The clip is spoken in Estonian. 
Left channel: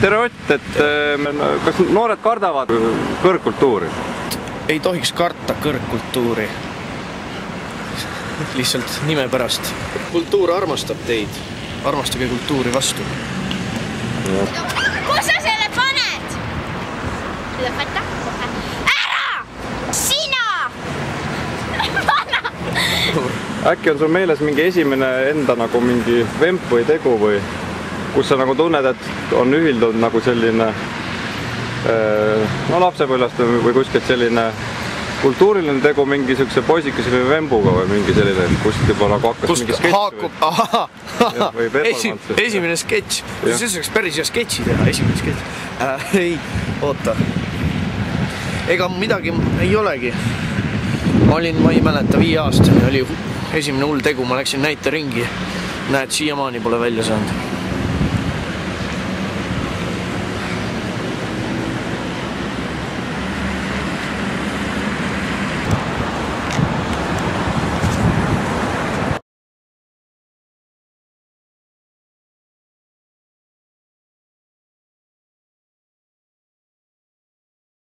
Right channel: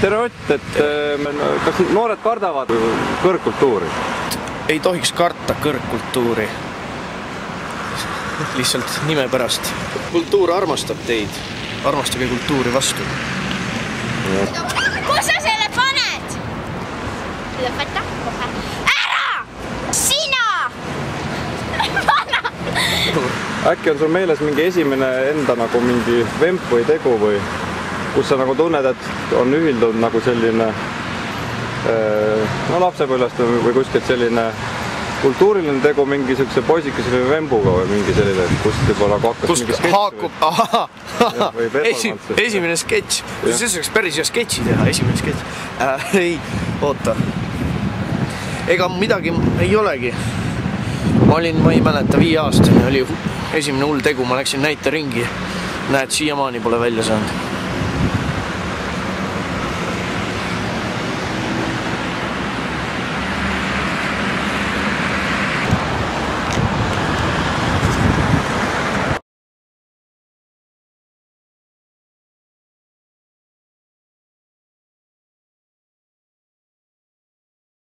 Tere Ott, kas noored kardavad kõrgkultuuri? Ei tohiks karta kõrgkultuuri. Lihtsalt nime pärast. Kultuur armastab teid. Armastage kultuuri vastu. Kus sa selle paned? Lõpeta kohe. Ära! Sina! Pana! Äkki on sul meeles mingi esimene enda nagu mingi vemp või tegu või kus sa nagu tunned, et on ühildunud nagu selline lapsepõlvest või kuskilt selline kultuuriline tegu mingi siukse poisikese või vembuga või mingi selline, kust juba nagu hakkas mingi sketš haakub, esimene sketš. See saaks päris hea sketši teha, esimene sketš. Ei, oota. Ega midagi ei olegi. Ma ei mäleta, 5-aastane oli esimene hull tegu, ma läksin näiteringi. Näed, siiamaani pole välja saanud.